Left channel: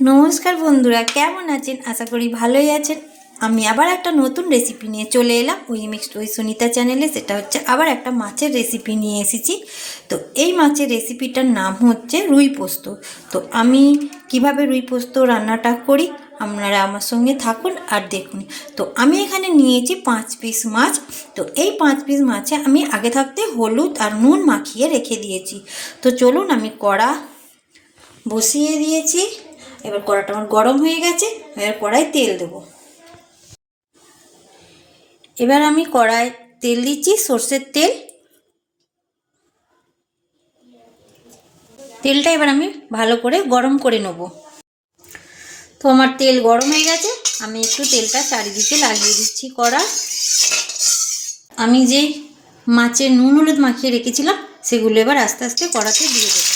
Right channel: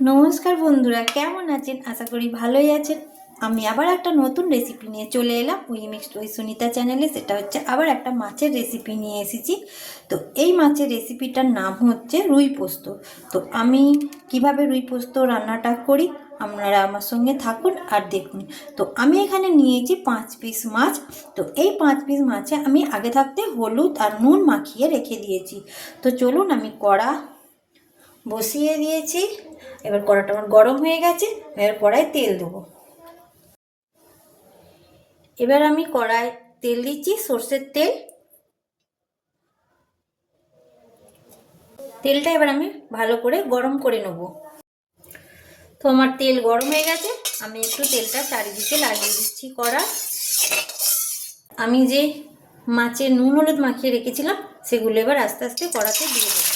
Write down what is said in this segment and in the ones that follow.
নমস্কার বন্ধুরা, কেমন আছেন? আশা করি ভালোই আছেন। আমি আবার একটা নতুন রেসিপি নিয়ে চলে এলাম ওই মিক্সড ওই সুনিতা চ্যানেলে। সেটা হচ্ছে আবার একটা মাছের রেসিপি নিয়ে এসেছি। তো এই মাছের রেসিপিটার নাম হচ্ছে রুই পোস্ত। তো আমি কিভাবে রুই পোস্ত রান্নাটা করি আপনারা আমার সঙ্গে থাকুন আর দেখুন। তো আমি এখানে নিয়েছি 5 পিস মাছ। তো এই 5 পিস মাছে আমি আগে থাকতে হলুদ আর নুন মাখিয়ে রেখে দিয়েছি। তো চলুন, আমি কড়া বসিয়ে দিয়েছি। এবার কড়াটা আমার গরম হয়ে গেছে। এবার কড়াই তেল দেবো। এবার আমি কড়াই তেল দিচ্ছি, সর্ষের তেল। তেলটা এবার আমি ভালো করে গরম করে নেব। তো আমার তেল গরম হয়ে গেছে। আমি একটু তেলটা চারিদিকে লাগিয়ে দিচ্ছি কড়া। আমি যে মাছের নুন হলুদ মাখিয়ে রেখেছিলাম সেগুলো এবার আস্তে আস্তে কড়াতে দিয়ে দেবো।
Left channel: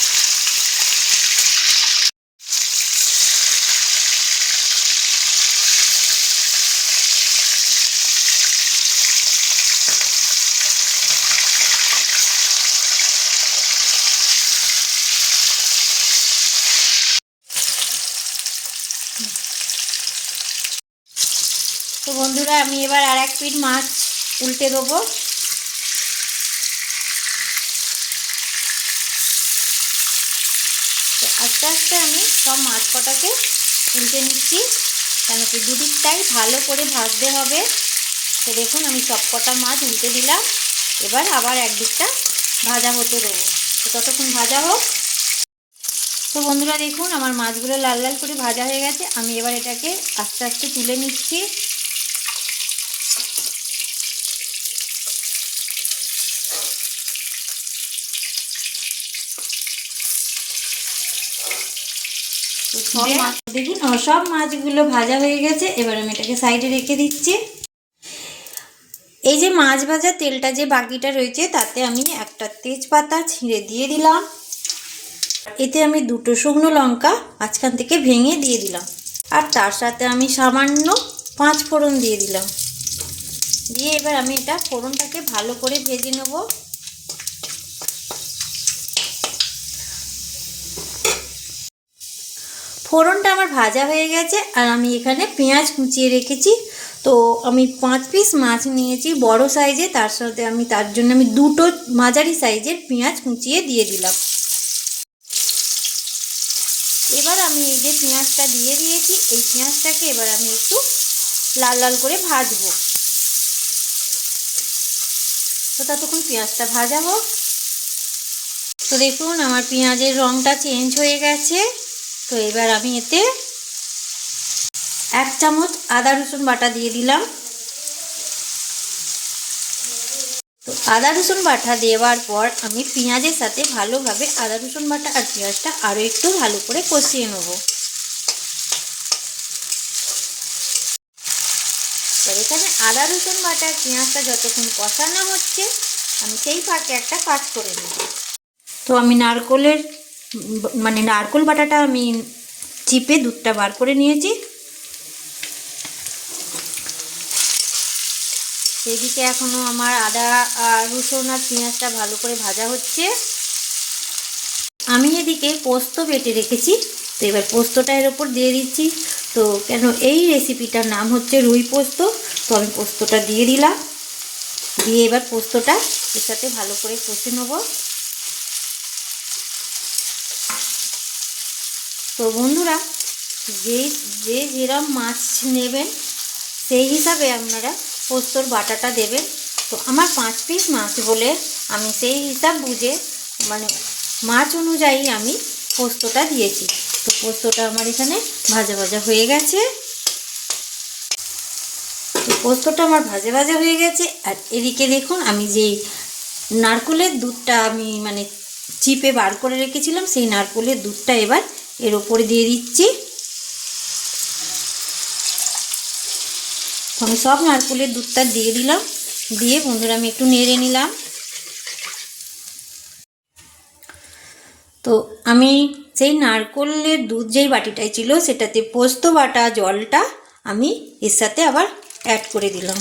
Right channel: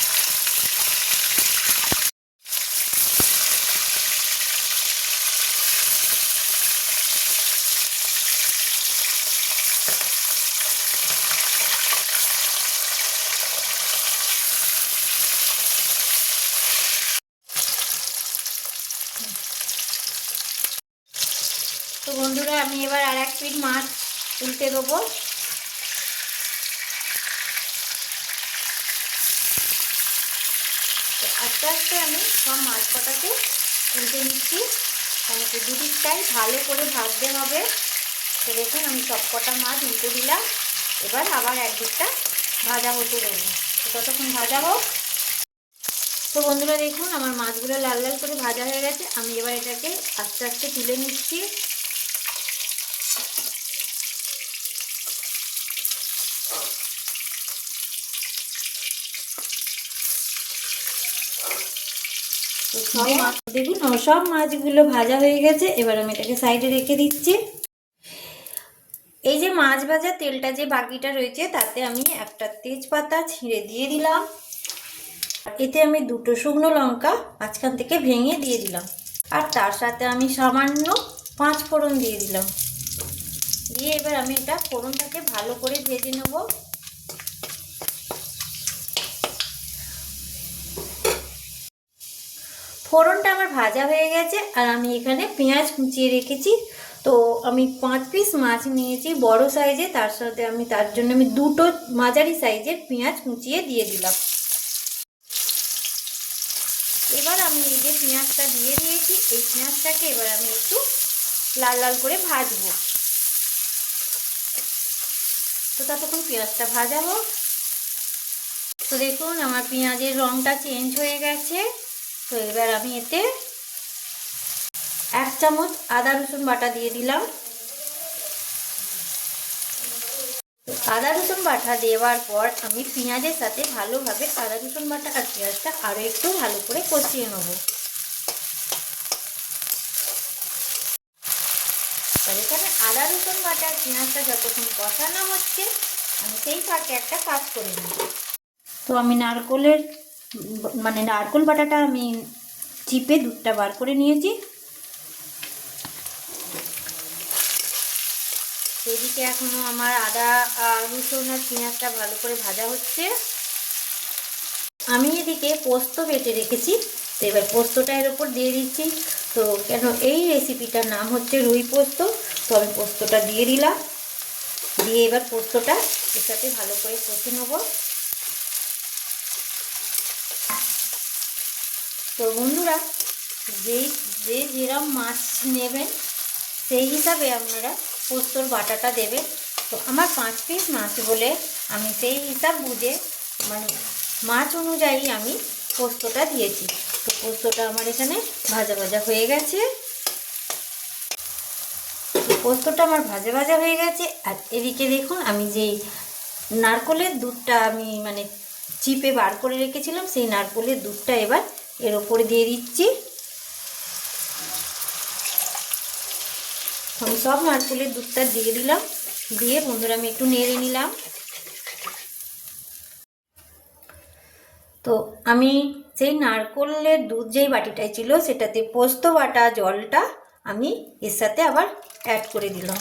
তো বন্ধুরা, আমি এবার আর এক পিঠ মাছ উল্টে দেবো। তো আস্তে আস্তে আমি সব মাছ কটাকে উল্টে নিচ্ছি, কেন কি দুদিকটাই ভালো করে ভাজতে হবে। তো দেখুন, আমি সব কটা মাছ উল্টে দিলাম। এবার আবার একদিকটা ভাজা হতে দেবো। তো ততক্ষণ ভাজা হোক। তো বন্ধুরা দেখুন, আমার মাছগুলো লাল লাল করে ভাজা হয়ে গেছে। আমি এবার এটাকে আস্তে আস্তে তুলে নিচ্ছি। তো সব মাছ দেখুন, সব মাছগুলো ভাজা হয়ে গেছে। এবার আমি এটাকে সাইডে রেখে দিচ্ছি। এই যে মাছ ভাজা তেলটা যে বাকিটা রয়েছে তাতে আমি একটা তেজপাতা ছিঁড়ে দিয়ে দিলাম। এতে আমি 2টো শুকনো লঙ্কা মাঝখান থেকে ভেঙে দিয়ে দিলাম। আর তার সাথে আমি সামান্য 5 ফোড়ন দিয়ে দিলাম। দিয়ে এবার আমি এটা ফোড়নটাকে ভালো করে ভেজে নেব। ফোড়নটা আমার ভাজা হয়ে গেছে। আর আমি এখানে পেঁয়াজ কুচিয়ে রেখেছি। তো আমি 5 পিস মাছ নিয়েছি বড় সাইজে, তার সাথে আমি তার জন্য আমি 2টো মাঝারি সাইজের পেঁয়াজ কুচিয়ে দিয়ে দিলাম। এবার আমি এই যে পেঁয়াজটা দিয়ে দিয়েছি, এই পেঁয়াজটাকে এবার আমি একটু লাল লাল করে ভাজবো। তো ততক্ষণ পেঁয়াজটা ভাজা হোক। তো দেখুন, আমার পেঁয়াজের রঙটা চেঞ্জ হয়ে গেছে। তো এবার আমি এতে 1 চামচ আদা রসুন বাটা দিয়ে দিলাম। তো আদা রসুন বাটা দেওয়ার পর আমি পেঁয়াজের সাথে ভালোভাবে আদা রসুন বাটা আর পেঁয়াজটা আরও একটু ভালো করে কষিয়ে নেব। তো এখানে আদা রসুন বাটা আর পেঁয়াজটা যতক্ষণ কষানো হচ্ছে আমি সেই ফাঁকে একটা কাজ করে নেব। তো আমি নারকোল বাটাটা আমি চিপে দুধটা বার করে নিয়েছি। সেদিকে এখনো আমার আদা আর রসুন আর পেঁয়াজটা ভালো করে ভাজা হচ্ছে। আমি এদিকে পোস্ত বেটে রেখেছি। তো এবার পোস্তটা এর ওপর দিয়ে দিচ্ছি। তো কেন এই রেসিপিটার নাম হচ্ছে রুই পোস্ত। তো আমি পোস্তটা দিয়ে দিলাম। দিয়ে এবার পোস্তটা এর সাথে ভালো করে কষে নেব। তো বন্ধুরা, যেরকম মাছ নেবেন সেই হিসাবে আপনারা পোস্তর বাটাটা দেবেন। তো আমার 5 পিস মাছ বলে আমি সেই হিসাব বুঝে মাছ অনুযায়ী আমি পোস্তটা দিয়েছি। তো পোস্তটা আমার এখানে ভাজা ভাজা হয়ে গেছে। তো পোস্তটা আমার ভাজা ভাজা হয়ে গেছে। আর এদিকে দেখুন, আমি যেই নারকেলের দুধটা আমি চিপে বার করে রেখেছিলাম সেই নারকেলের দুধটা এবার এর ওপরে দিয়ে দিচ্ছি। আমি সব নারকেলের দুধটা দিয়ে দিলাম। দিয়ে বন্ধুরা আমি একটু নেড়ে নিলাম। তো আমি সেই নারকেলের দুধ যেই বাটিটাই ছিল সেটাতে পোস্ত বাটা জলটা আমি এর সাথে আবার অ্যাড করে দিলাম।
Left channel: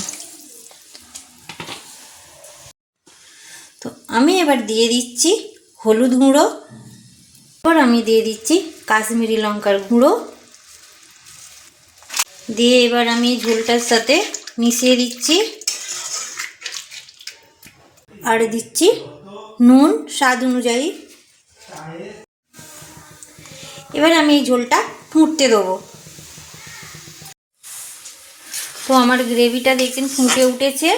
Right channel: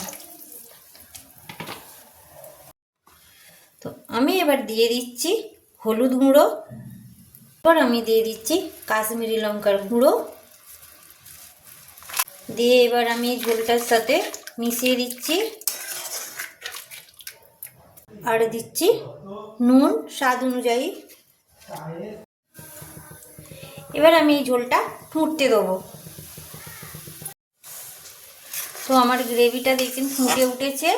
তো আমি এবার দিয়ে দিচ্ছি হলুদ গুঁড়ো। এবার আমি দিয়ে দিচ্ছি কাশ্মীরি লঙ্কার গুঁড়ো। দিয়ে এবার আমি ঝোলটার সাথে মিশিয়ে দিচ্ছি, আর দিচ্ছি নুন স্বাদ অনুযায়ী। এবার আমি এই ঝোলটা ফুটতে দেবো। তো আমার গ্রেভিটা দেখছেন ফুটে উঠেছে।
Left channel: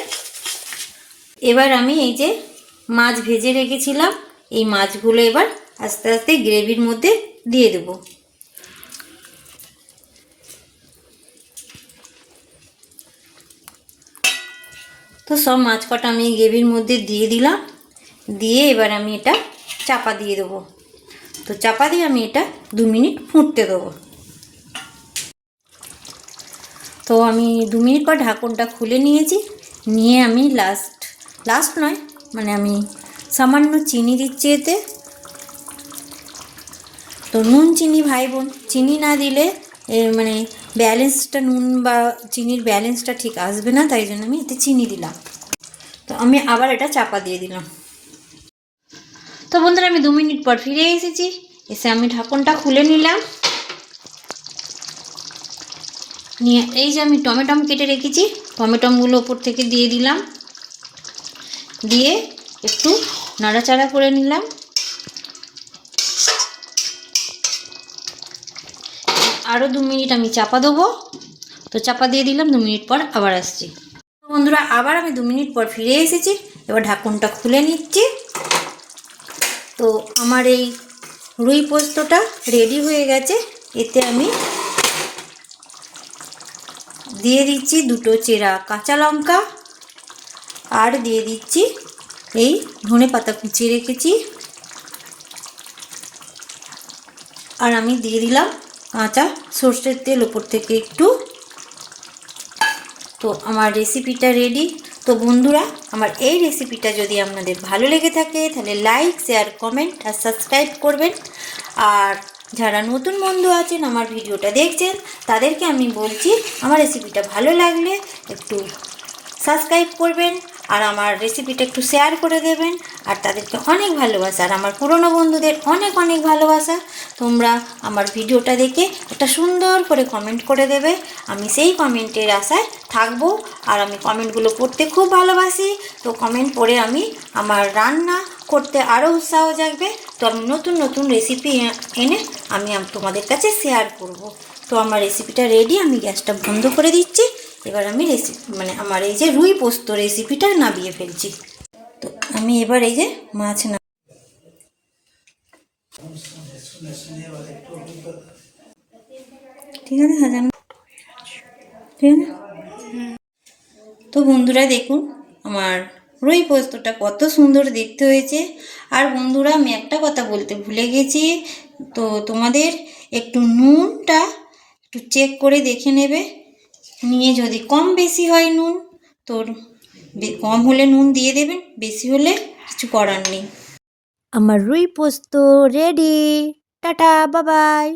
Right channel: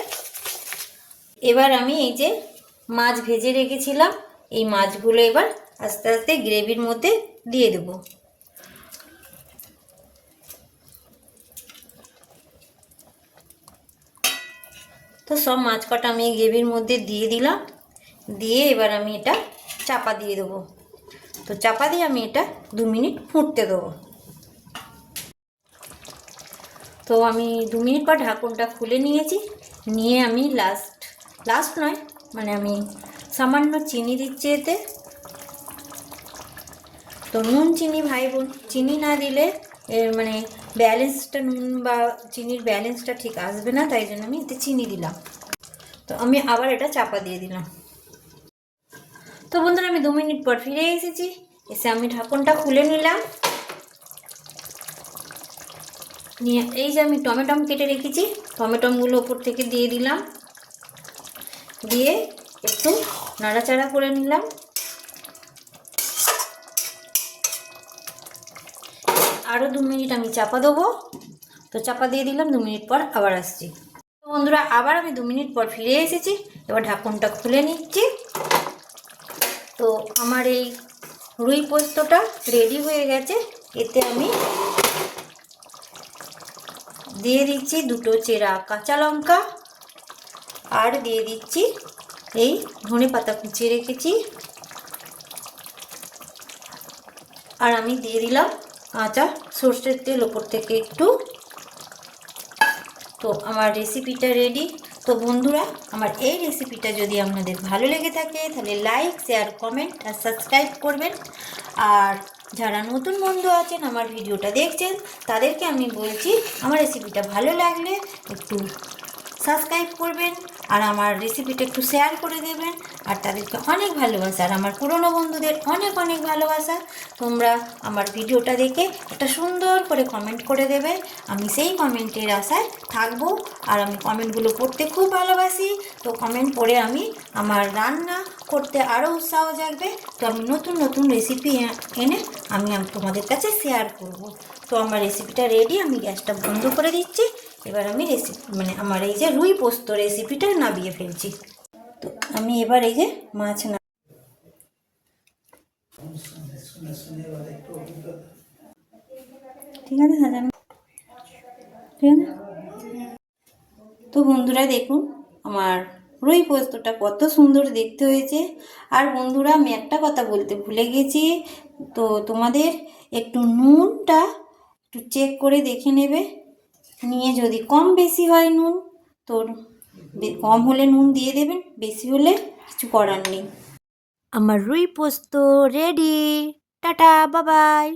এবার আমি এই যে মাছ ভেজে রেখেছিলাম, এই মাছগুলো এবার আস্তে আস্তে গ্রেভির মধ্যে দিয়ে দেব। তো সব মাছ কটা আমি গ্রেভির মধ্যে দিয়ে দিলাম, দিয়ে এবার আমি এটা চাপা দিয়ে দেবো। তো চাপা দিয়ে আমি এটা 2 মিনিট ফুটতে দেবো। তো আমি 2 মিনিট পর ঢাকনটা খুলে নিয়েছি, নিয়ে আমি লাস্ট নয় মানে আমি সামান্য চিনি দিচ্ছি এতে। তো নুন চিনি ভাই বোন, চিনি না দিলে মানে ব্যালেন্সটা, নুন বা চিনির ব্যালেন্সটা ঠিক আসবে না, তাই জন্য আমি এতে চিনি দিলাম। তো আমি আবার এটা চাপা দিয়ে দিলাম। তো বন্ধুরা আমি 2 মিনিট পর ফিরে এসেছি, এসে আমি ঢাকনটা খুলে নিলাম, নিয়ে এই যে আমি টমেটো কেটে রেখেছি, টমেটোগুলো ওপর থেকে দিয়ে দিলাম, দিয়ে একটু নাড়াচাড়া করে নিলাম। আরও 2 মিনিট আমি চাপা দেবো। তো চাপা দিয়ে দিলাম, 2 মিনিট পর আবার আসছি। বন্ধুরা আবার আমি 2 মিনিট পর ফিরে এসেছি, এবার ঢাকনটা খুলে নিচ্ছি। তো আমার এই রুই পোস্তটা রেডি হয়ে গেছে। এতে আমি দিয়ে দিচ্ছি 2টো চেরা কাঁচা লঙ্কা, আর দিয়ে দিচ্ছি এই ধনেপাতা কুচিয়ে রেখেছি, আর আমি দিয়ে দিলাম কাঁচা সর্ষের তেল ওপর থেকে একটু। তো আমার রেসিপিটা রেডি। তো বন্ধুরা আমার এই রেসিপিটা যদি আপনাদের ভালো লেগে থাকে তাহলে লাইক, শেয়ার, কমেন্ট আর সাবস্ক্রাইব করবেন। আর যারা নতুন বন্ধু আছেন আমার ভিডিওটা দেখছেন তাদেরকে আমি বলছি আমার রেসিপিটা ভালো লাগলে একটু সাবস্ক্রাইব করবেন, আর আমার রেসিপিটা একটু শেয়ার করে দেবেন। আর তাদেরকে অনেক ভালোবাসা, আর আমার পুরনো বন্ধুদের অনেক অনেক ভালোবাসা। তোমরা আমার ভিডিওটা দেখে একটা সুন্দর করে কমেন্ট করে দেবে, আমি সেই কমেন্টের আশায় থাকবো। আর আমি কমেন্টগুলো পড়তে খুব ভালোবাসি। তো কমেন্ট পড়ে আমি আমার রান্না করতে আরও উৎসাহ জাগবে। তো আমি নতুন নতুন রেসিপি এনে আমি তোমাদের কাছে শেয়ার করব। তো আমার রেসিপিটা রেডি, আমি গ্যাসটা বন্ধ করে দিচ্ছি। এবার আমি মানে আমার এই যে রুই পোস্ত রেসিপিটা নামিয়ে ফেলছি। তো আমি এবার এই যে মাছ ঠিক আছে সাজানো, ঠিক আছে। তো বন্ধুরা দেখুন আমার রুই পোস্তটা কত সুন্দর দেখতে হয়েছে। আর বন্ধুরা আমি একটা কথা বলতে ভুলে গেছি, তো তোমাদের একটু নুনটা একটু চেক করে দেখে নেবে, নিয়ে যদি কম বেশি হয় নুন, তো কম হলে নুন দিয়ে দেবেন, বেশি হলে কিছু করার নেই। আমার রুই পোস্ত রেডি। Tata, bye bye.